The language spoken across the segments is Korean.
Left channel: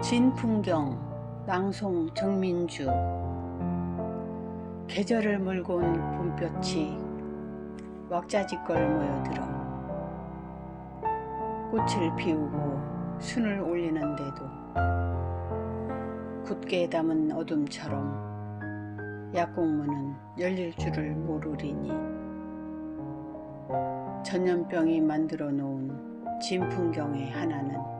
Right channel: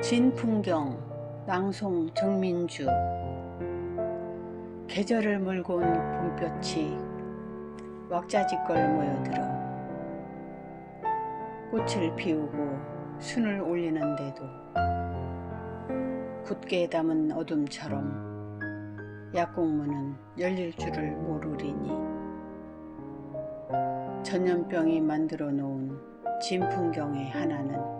진풍경 낭송 정민주. 계절을 물고 온 봄볕이 왁자지껄 모여들어 꽃을 피우고 순을 올리는데도 굳게 담은 어둠처럼 약국문은 열릴 줄을 모르리니. 전염병이 만들어 놓은 진풍경의 하나는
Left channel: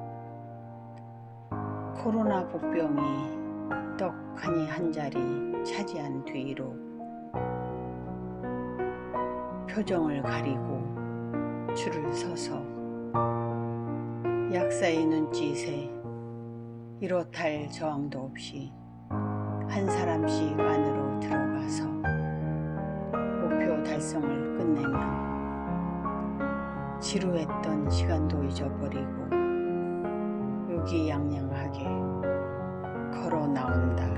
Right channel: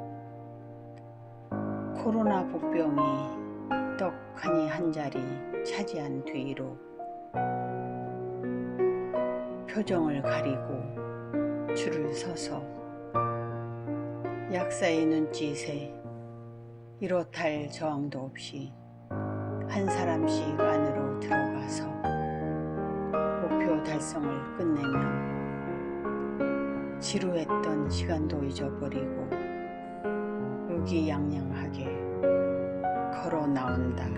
코로나 복병이 떡하니 한 자리 차지한 뒤로 표정을 가리고 줄을 서서 약사의 눈짓에 이렇할 저항도 없이 한 사람씩 안으로 들어가서 목표 달성을 끝내면 지루했던 시간도 잊어버리고 의기양양하게 걸어 나온다.